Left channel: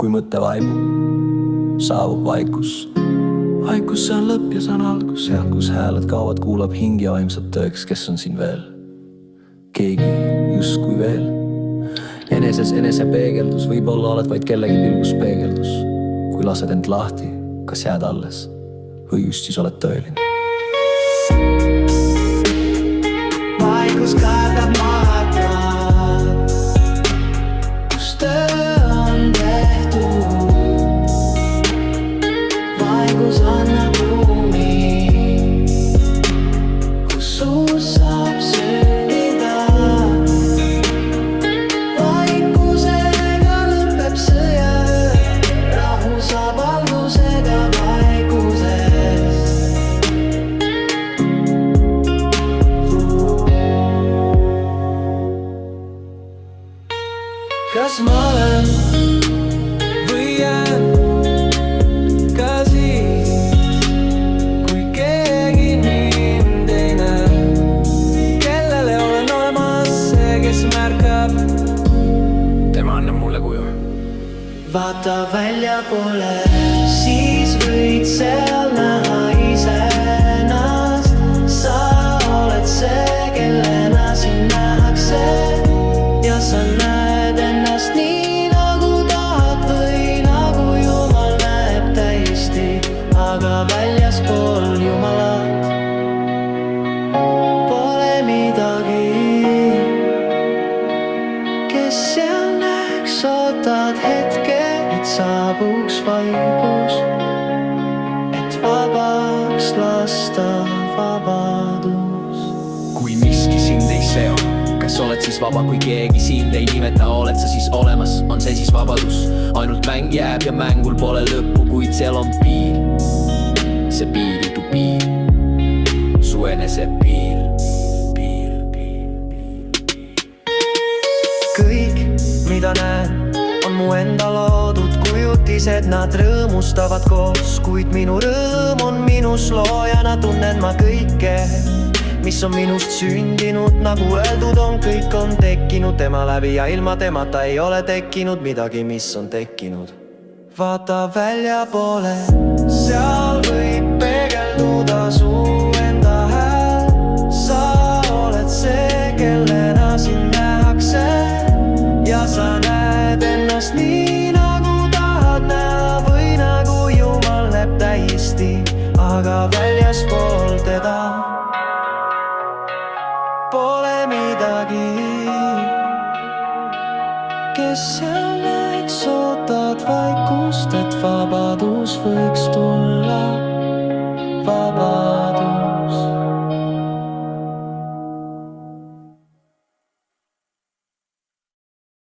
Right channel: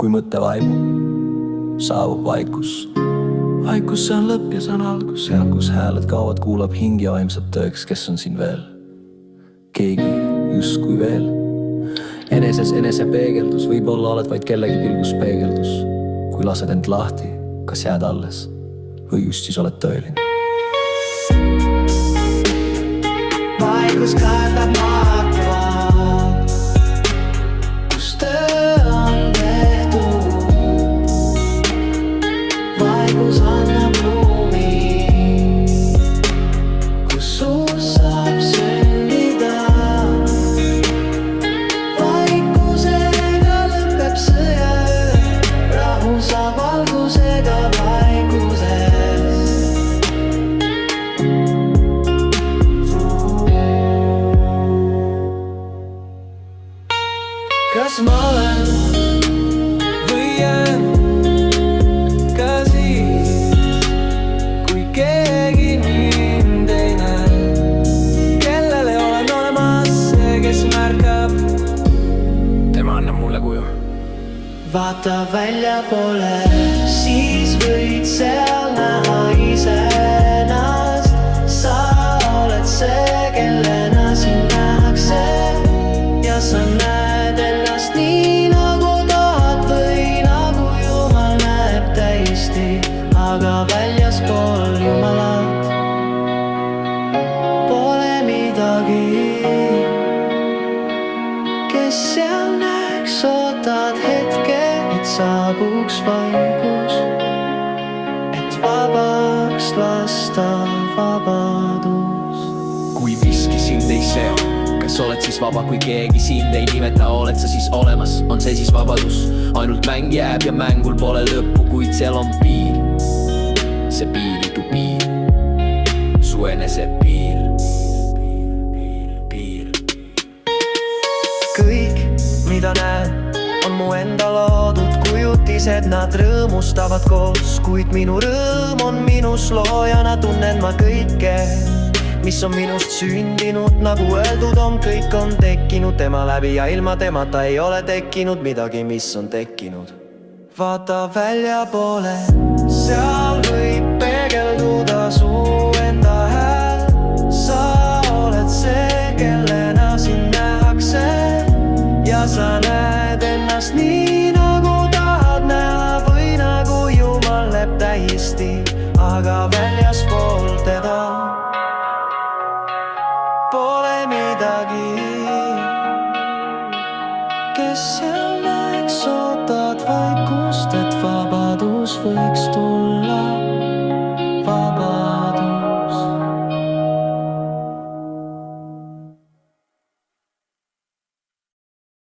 kui mõte vaibub, saabub vaikus. Vaikus, see on lõpp ja see on algus. Seal, kus hääled kaovad, kuulab hing ja vaimsab tõeks, kes on siin veel. Keegi justkui veel. Eneses enesepeegeldus, võib-olla oled vaid kellegi pilgus peegeldus. Kui lased end lahti, kas jääd alles või just siis oled tõeline? Vaikus kardab maakab, kus töö on tehtud. Vaikus annab ruumi, kus uus saab sündida. Vaikusega lõpeb sõjaöö, rahu saab algusega vaikuses. Kas ma olen või jään ka siis, kui keegi mind ei näe, kellele olen olemas see, kes märkab. Tema annab mulle kuju. Vaata väljapoole, siis võid seal näha iseennast. Sa oled see, kellena sind nähakse. Ja sa näed ennast nii nagu tahad või nagu Jumal näeb täiesti. Aga väljaspool Jumalat pole midagi. Kes seal näeks, ootad hetke, et saabuks vaikus, et vabaks lasta vabadus. Kui miski sind ei seo, kas oled siis vaba, kui keegi sind ei nimeta, oled sa siis olemas, on see siis vabadus? Ainult mäng jääb ja mängul pole lõppu, kuid seal on piir. See piiritu piir, su enese piir. Kõik, mida näen, on mu enda loodud kujutised, nad rõõmustavad koos, kuid minu rõõm on minus loojana, tunnen ma kõike, mis on minust sündinud, nagu öeldud on, kõik on tekkinud tema läbi ja ilma temata ei ole tekkinud midagi, mis on tekkinud. Vaata väljapoole, seal võib peegelduda su enda hääl. Sa oled see, kellena sind nähakse ja sa näed ennast nii nagu tahad näha või nagu Jumal näeb täiesti, aga väljaspool teda pole midagi. Kes seal näeks, ootad vaikust, et vabadus võiks tulla. Vaba